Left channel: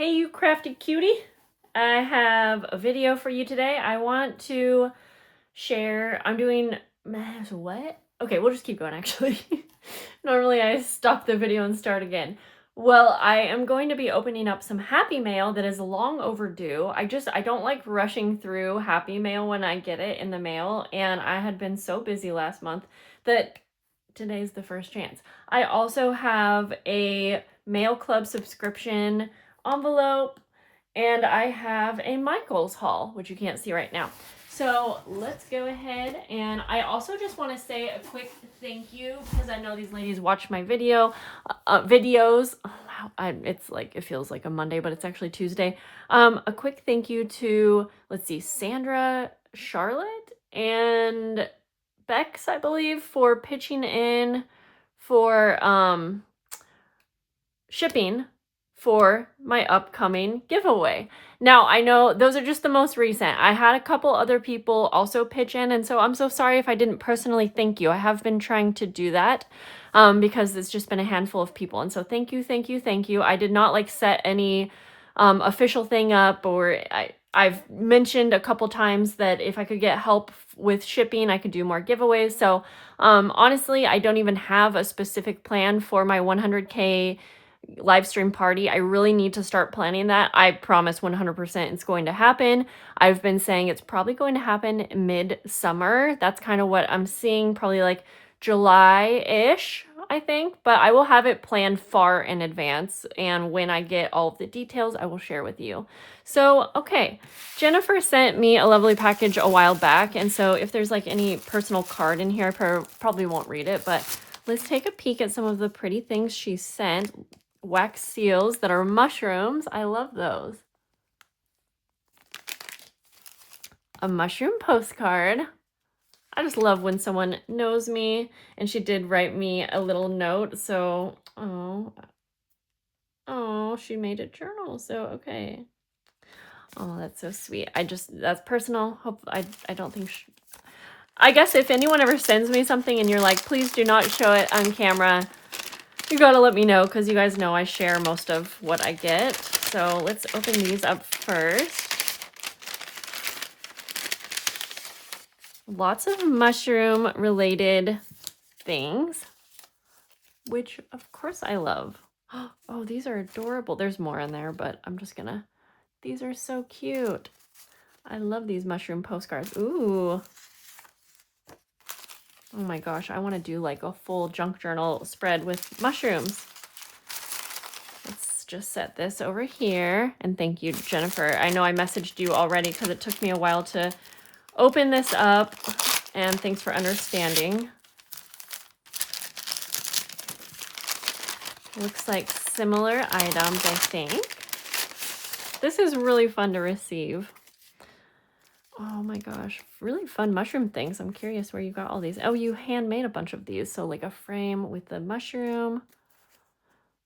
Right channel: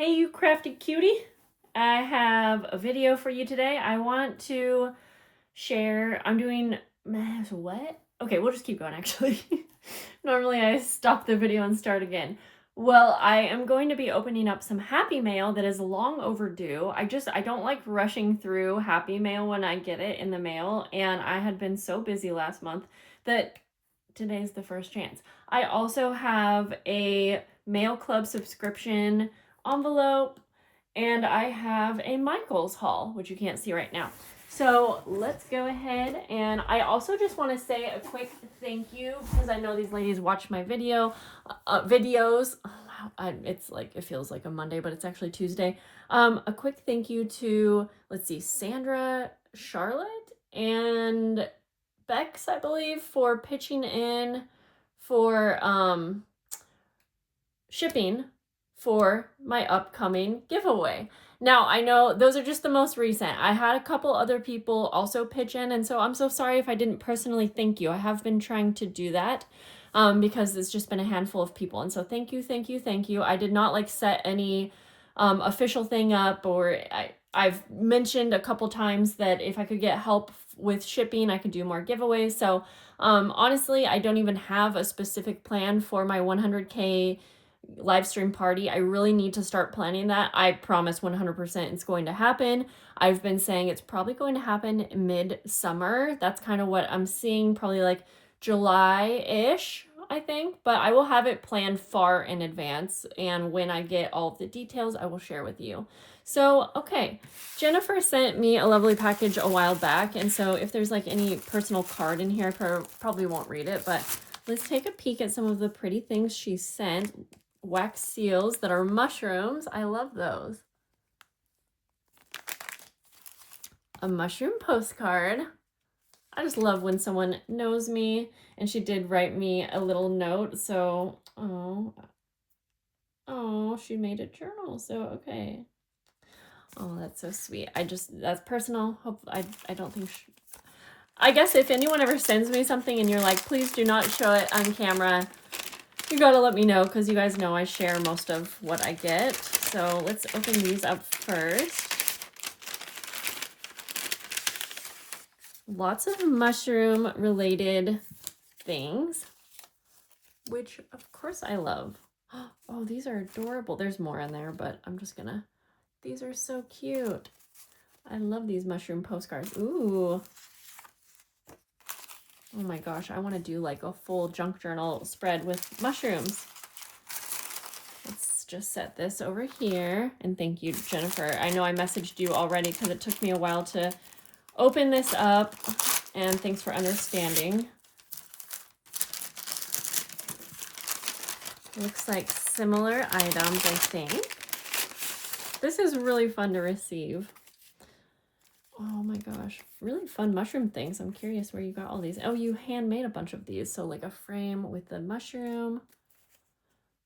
Hey, you crafty cutie. I have a video for you today. I want to share. I'm doing. What? Okay, we'll just keep going actually. Normally I stop the video and start again. Well, I am going to be opening up some Happy Mail that is long overdue. I don't like rushing through Happy Mail when I get it in the mail, and I had been so busy last month that today's the first chance. I also have a Mail Club subscription envelope, and I have a Michael's haul, which you can't see right now. So let's go ahead, and I also just want to say a quick thank you because I know these ladies watch my videos. Oh, wow, it's like it feels like a Monday, but it's actually Tuesday. A quick thank you to Sandra, Charlotte, and Bex, I believe, for pitching in for shipping for my upcoming giveaway. Now, I know those are just the most recent. I had a couple other people also pitch in, and so I'm so sorry if I didn't personally thank you. I have been trying to do that because it's just been a handful of people. And so thank you, thank you, thank you. I did not set any official thing up, or I've mentioned a couple times that if I could get help with shipping, I could do more giveaways. So honestly, I don't even have a specific plan for my 100K live stream party. I really need to start planning that. I promise 100% it's going to happen. I've been saying it's probably going to happen mid-summer. That's kind of what I'm seeing, probably like July-ish, I think, but I will have it planned far in advance, and when I get all of the details, I will share with you. So, okay, Jennifer sent me a lovely package a while back, and so if there's any personal card in here, I probably won't read it, but let's take a peek at some of the pretty things she sent. Wax seals that are mushrooms. I love those. A mushroom postcard. I just love when someone knows me, and she did write me a little note. So, oh, she made a journal. So, okay. Oh, that's so sweet. That's personal. I don't think I guess if anyone ever sends me something and you're like, please do not show it on camera, you gotta let me know, because you guys know I share most of what I get. So let's open these up first. Lots of mushroom related things, which of course I love. Oh, these are adorable. There's more in there, but I'm just gonna, these are so cute. I love these mushroom postcards. Ooh. Oh my gosh, I want to do a full junk journal spread with mushrooms. Let's just set this over here. And thank you, Jennifer. I know I messaged you already because it took me a while to open this up. And thanks for understanding. Looks like similar items, I think. This is really fun to receive. Oh my gosh, really fun mushroom things. I'm curious where you got all these. Oh, you handmade a bunch of these. So a frame with the mushroom,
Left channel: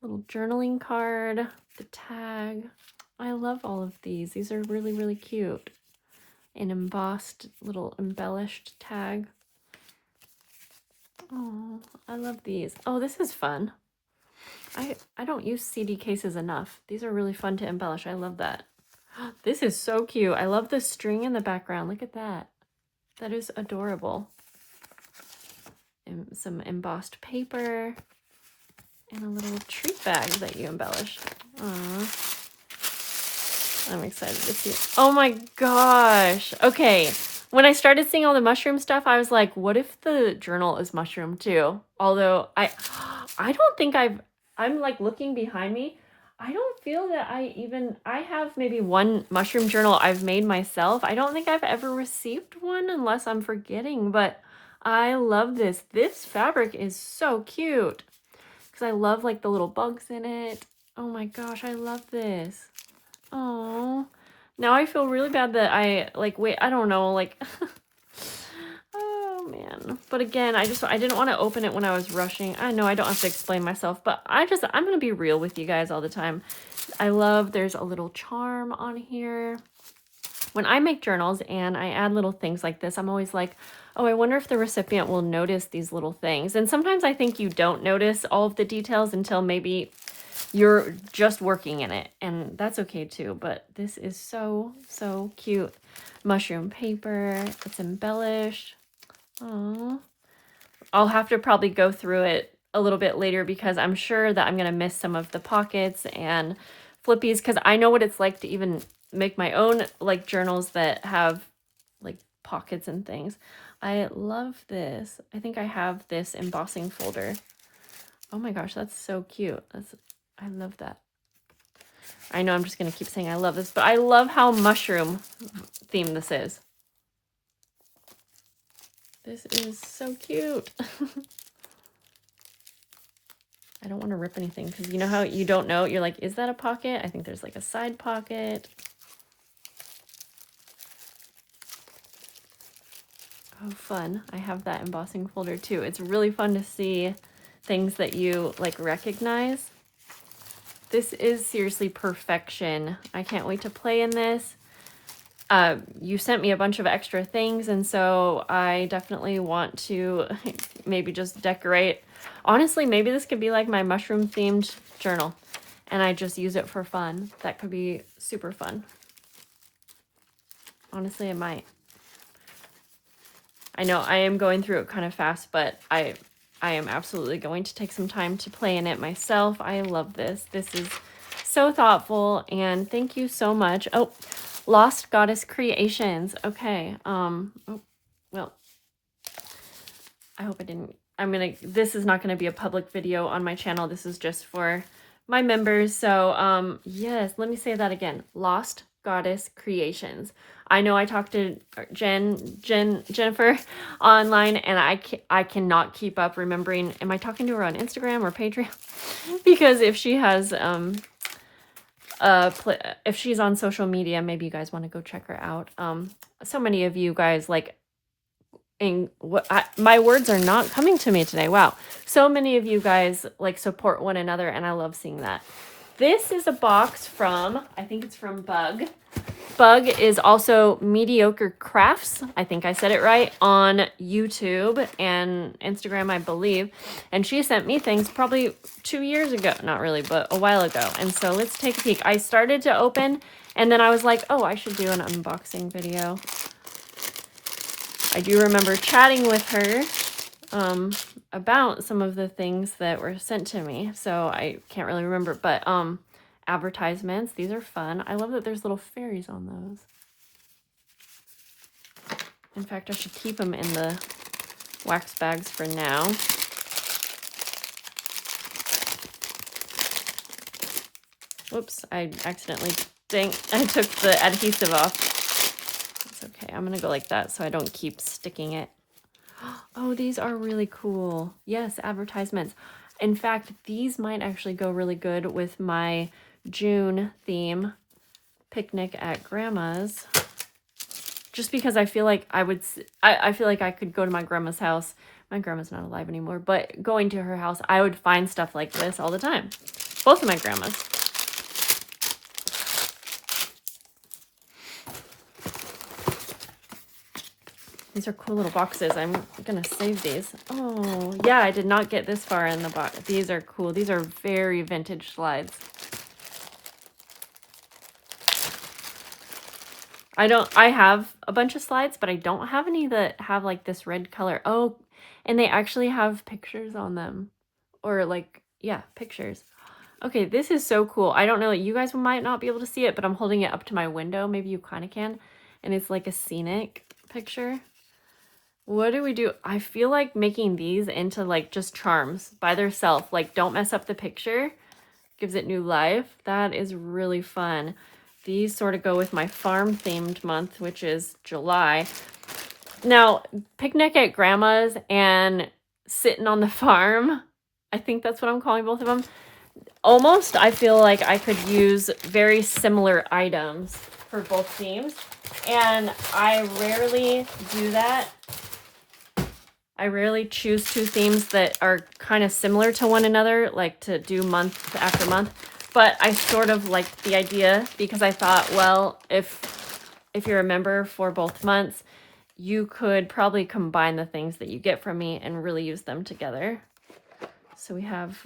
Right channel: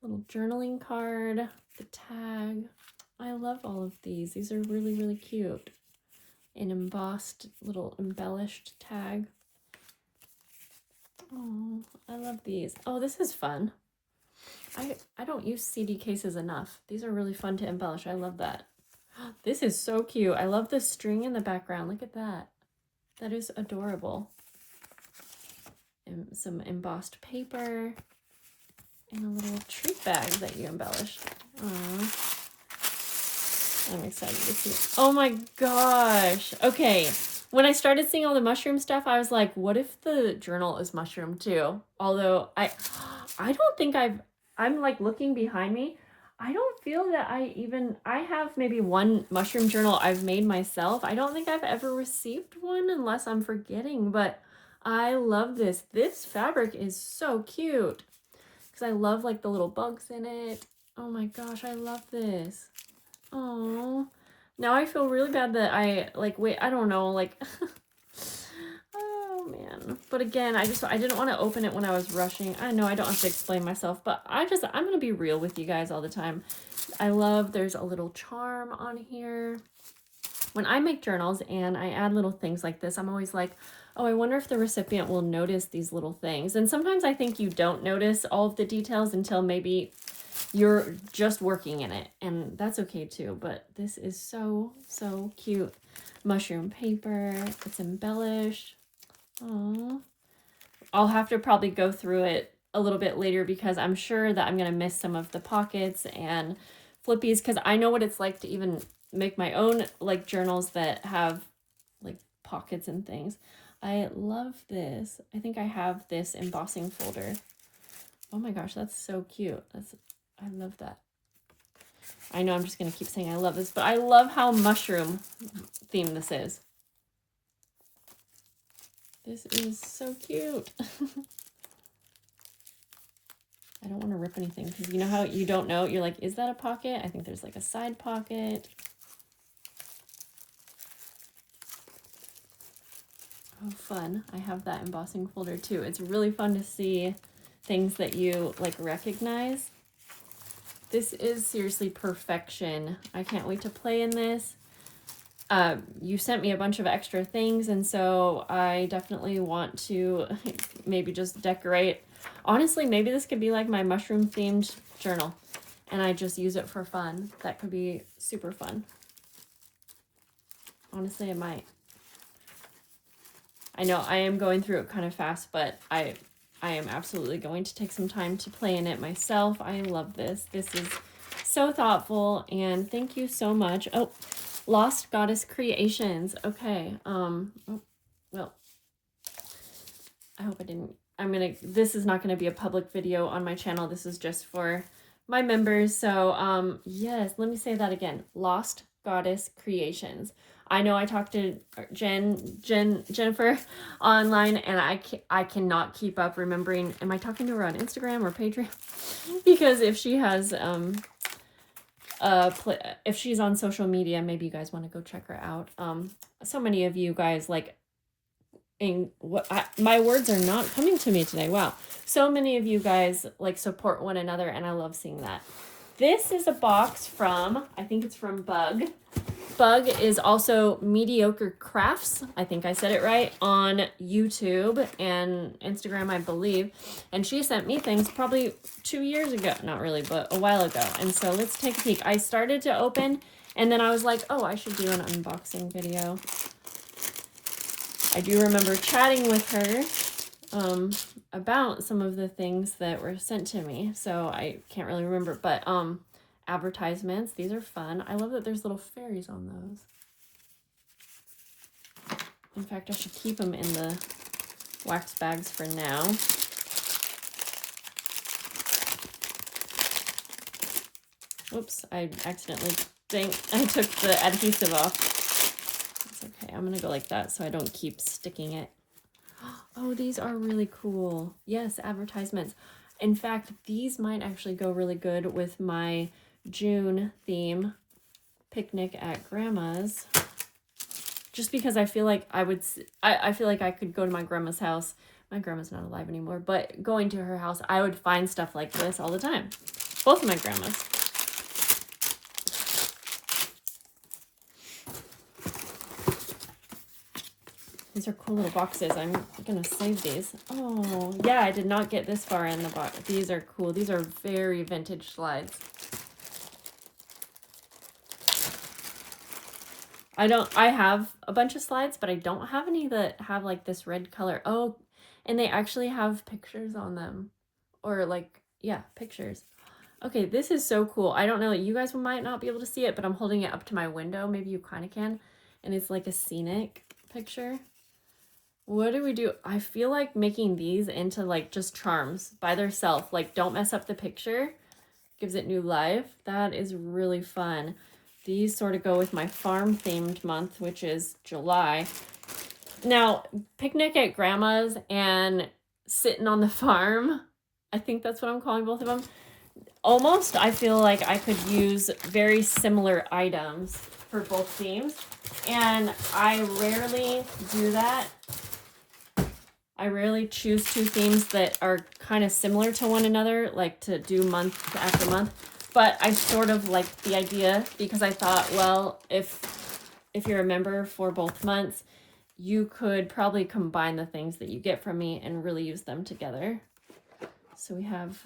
little journaling card, the tag. I love all of these. These are really, really cute. An embossed little embellished tag. Oh, I love these. Oh, this is fun. I don't use CD cases enough. These are really fun to embellish. I love that. This is so cute. I love the string in the background. Look at that. That is adorable. And some embossed paper. And a little treat bag that you embellished. Aww. I'm excited to see. Oh my gosh. Okay. When I started seeing all the mushroom stuff, I was like, what if the journal is mushroom too? Although I don't think I'm looking behind me. I don't feel that I have maybe one mushroom journal I've made myself. I don't think I've ever received one unless I'm forgetting, but I love this. This fabric is so cute because I love the little bugs in it. Oh my gosh, I love this. Oh, now I feel really bad that I wait, I don't know, oh man. But again, I didn't want to open it when I was rushing. I know I don't have to explain myself, but I'm going to be real with you guys all the time. I love, there's a little charm on here. When I make journals and I add little things like this, I'm always like, oh, I wonder if the recipient will notice these little things. And sometimes I think you don't notice all of the details until maybe you're just working in it, and that's okay too. But this is so, so cute. Mushroom paper. It's embellished. Oh, I'll have to probably go through it a little bit later because I'm sure that I'm going to miss some of the pockets and flippies, because I know what it's like to even make my own like journals that have like pockets and things. I love this. I think I have this embossing folder. Oh my gosh, that's so cute. I love that. I know I'm just going to keep saying I love this, but I love how mushroom themed this is. This is so cute. I don't want to rip anything because you know how you don't know? You're like, is that a pocket? I think there's like a side pocket. Oh, fun. I have that embossing folder too. It's really fun to see things that you like recognize. This is seriously perfection. I can't wait to play in this. You sent me a bunch of extra things, and so I definitely want to maybe just decorate. Honestly, maybe this could be like my mushroom themed journal, and I just use it for fun. That could be super fun. Honestly, it might. I know I am going through it kind of fast, but I am absolutely going to take some time to play in it myself. I love this. This is so thoughtful, and thank you so much. Oh, Lost Goddess Creations. Okay. Oh, well, I hope I didn't. This is not gonna be a public video on my channel. This is just for my members. So, yes, let me say that again. Lost Goddess Creations. I know I talked to Jennifer online, and I cannot keep up remembering. Am I talking to her on Instagram or Patreon? Because if she has if she's on social media, maybe you guys want to go check her out. So many of you guys like. My words are not coming to me today. Wow. So many of you guys like support one another, and I love seeing that. This is a box from, I think it's from Bug. Bug is also Mediocre Crafts. I think I said it right, on YouTube and Instagram, I believe. And she sent me things probably 2 years ago. Not really, but a while ago. And so let's take a peek. I started to open, and then I was like, oh, I should do an unboxing video. I do remember chatting with her about some of the things that were sent to me, so I can't really remember, but advertisements, these are fun. I love that there's little fairies on those. In fact, I should keep them in the wax bags for now. Whoops, I accidentally I took the adhesive off. Okay, I'm gonna go like that so I don't keep sticking it. Oh, these are really cool. Yes, advertisements. In fact, these might actually go really good with my June theme, picnic at grandma's. Just because I feel like I feel like I could go to my grandma's house. My grandma's not alive anymore, but going to her house, I would find stuff like this all the time. Both of my grandmas. These are cool little boxes. I'm gonna save these. Oh, yeah, I did not get this far in the box. These are cool. These are very vintage slides. I have a bunch of slides, but I don't have any that have like this red color. Oh, and they actually have pictures on them. Or like, yeah, pictures. Okay, this is so cool. I don't know, you guys might not be able to see it, but I'm holding it up to my window. Maybe you kind of can. And it's like a scenic picture. What do we do? I feel like making these into like just charms by themselves. Like, don't mess up the picture. Gives it new life. That is really fun. These sort of go with my farm themed month, which is July. Now, picnic at grandma's and sitting on the farm. I think that's what I'm calling both of them. Almost, I feel like I could use very similar items for both themes. And I rarely do that. I rarely choose two themes that are kind of similar to one another, like to do month after month. But I sort of liked the idea because I thought, well, if you're a member for both months, you could probably combine the things that you get from me and really use them together. So we have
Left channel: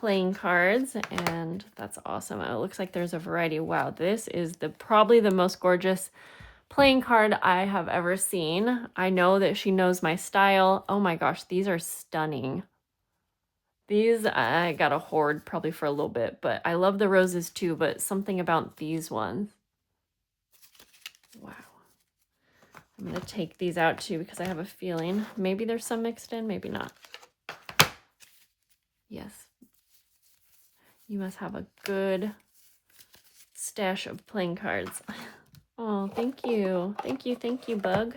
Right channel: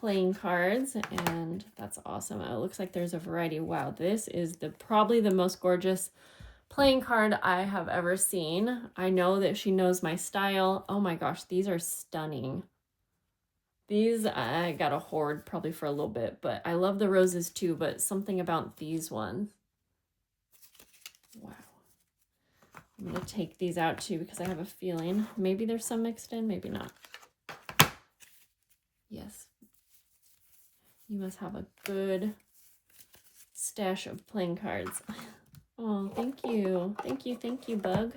playing cards, and that's awesome. It looks like there's a variety. Wow, this is probably the most gorgeous playing card I have ever seen. I know that she knows my style. Oh my gosh, these are stunning. These I gotta hoard probably for a little bit, but I love the roses too, but something about these ones. Wow. I'm gonna take these out too because I have a feeling maybe there's some mixed in, maybe not. Yes. You must have a good stash of playing cards. Oh, thank you. Thank you, Bug.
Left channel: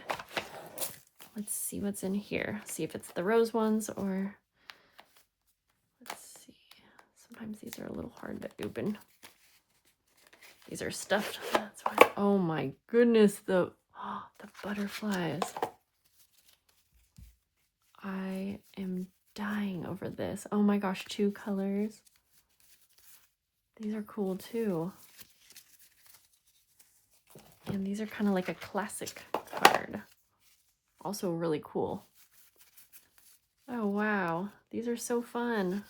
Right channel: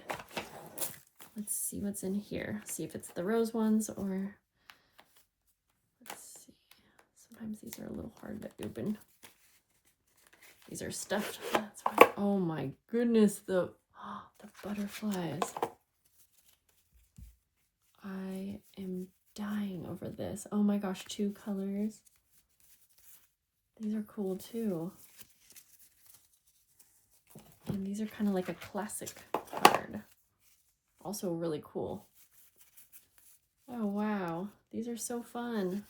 Let's see what's in here. See if it's the rose ones or... Let's see. Sometimes these are a little hard to open. These are stuffed. That's why. Oh my goodness, the butterflies. I am dying over this. Oh my gosh, 2 colors. These are cool too. And these are kind of like a classic card. Also really cool. Oh wow, these are so fun.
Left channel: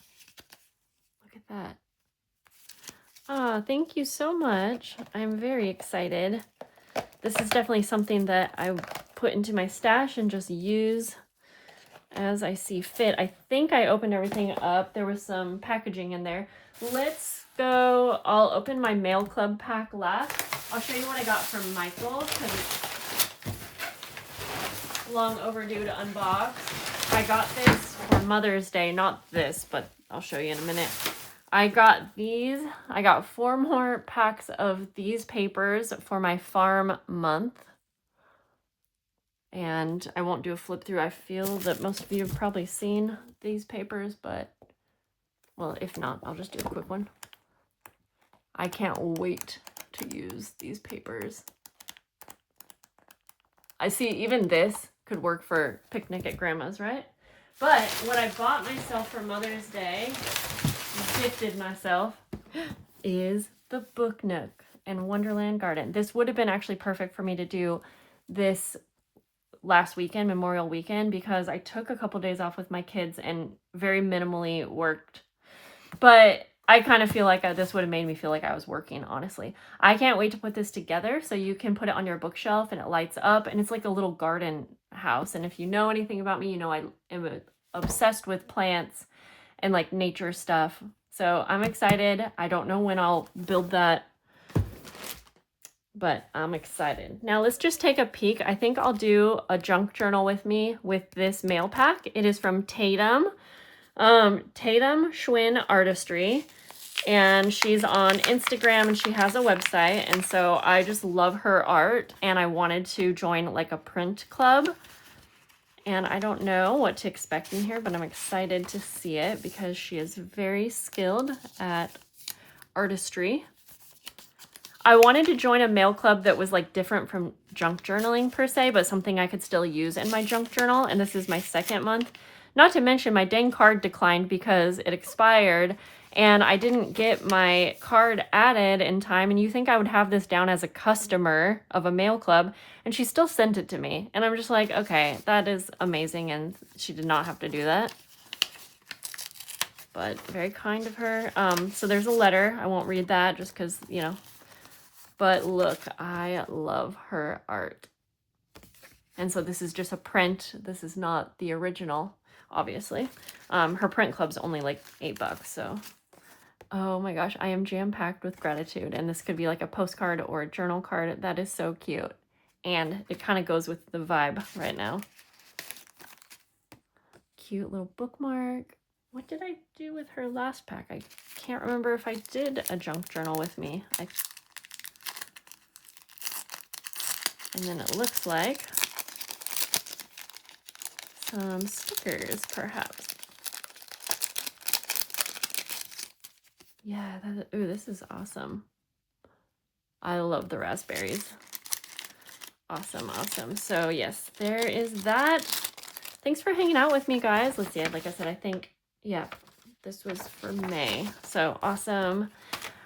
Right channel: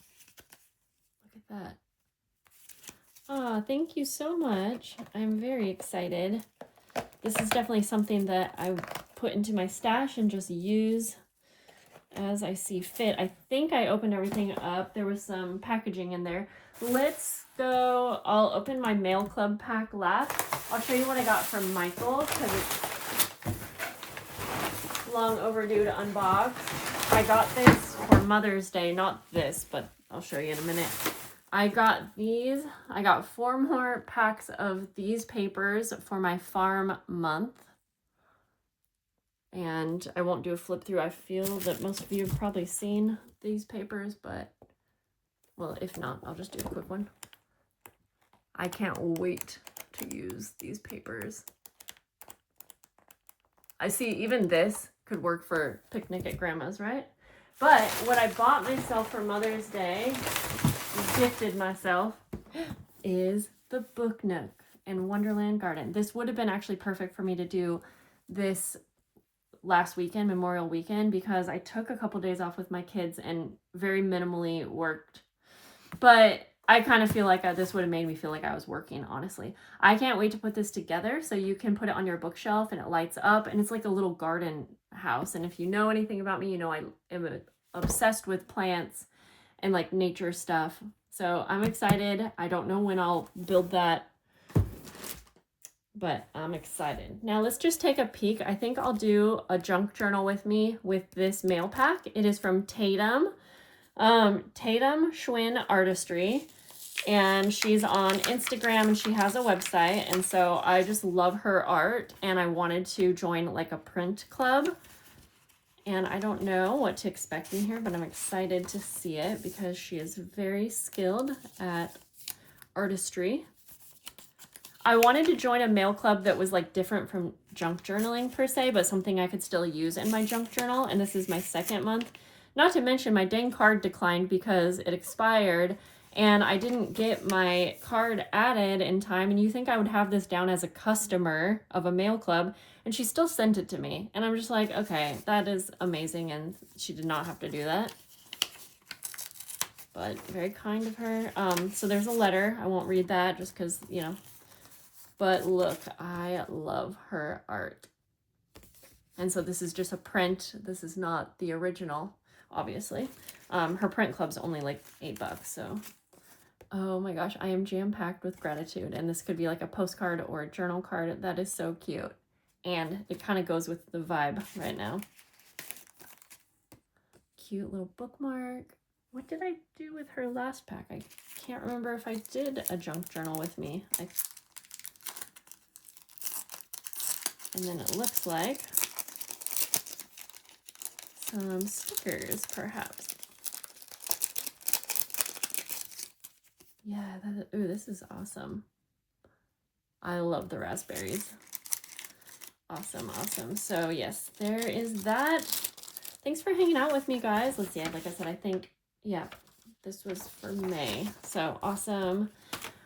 Look at that. Ah, thank you so much. I'm very excited. This is definitely something that I put into my stash and just use as I see fit. I think I opened everything up. There was some packaging in there. Let's go. I'll open my mail club pack last. I'll show you what I got from Michael because it's long overdue to unbox. I got this for Mother's Day. Not this, but I'll show you in a minute. I got these. I got 4 more packs of these papers for my farm month. And I won't do a flip through. I feel that most of you have probably seen these papers, but, well, if not, I'll just do a quick one. I can't wait to use these papers. I see even this could work for picnic at grandma's, right? But what I bought myself for Mother's Day, gifted myself, is the Book Nook in Wonderland Garden. This would have been actually perfect for me to do this last weekend, Memorial Weekend, because I took a couple days off with my kids and very minimally worked. But I kind of feel like this would have made me feel like I was working, honestly. I can't wait to put this together so you can put it on your bookshelf and it lights up, and it's like a little garden house. And if you know anything about me, you know I am obsessed with plants and like nature stuff. So I'm excited. I don't know when I'll build that, but I'm excited. Now let's just take a peek. I think I'll do a junk journal with me with this mail pack. It is from Tatum. Tatum Schwinn Artistry, and she's on Instagram and she has a website, and so I just love her art and I wanted to join like a print club, and I don't know what to expect in here, but I'm excited to see it because she is very skilled at artistry. I wanted to join a mail club that was like different from junk journaling per se, but something I could still use in my junk journal, and this is my 2nd month. Not to mention my dang card declined because it expired and I didn't get my card added in time, and you think I would have this down as a customer of a mail club, and she still sent it to me. And I'm just like, okay, that is amazing, and she did not have to do that. But very kind of her. So there's a letter. I won't read that just because, you know. But look, I love her art. And so this is just a print. This is not the original, obviously. Her print club's only like $8, so. Oh my gosh, I am jam-packed with gratitude. And this could be like a postcard or a journal card. That is so cute. And it kind of goes with the vibe right now. Cute little bookmark. What did I do with her last pack? I can't remember if I did a junk journal with me. And then it looks like some stickers, perhaps. Yeah, ooh, this is awesome. I love the raspberries. Awesome, awesome. So yes, there is that. Thanks for hanging out with me, guys. Let's see, like I said, I think, yeah, this was for May. So awesome.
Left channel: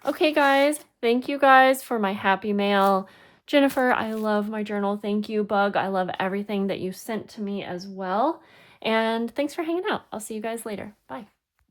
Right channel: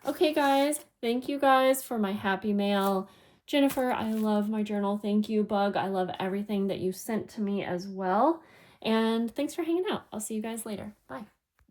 Okay, guys, thank you guys for my happy mail. Jennifer, I love my journal. Thank you, Bug. I love everything that you sent to me as well. And thanks for hanging out. I'll see you guys later. Bye.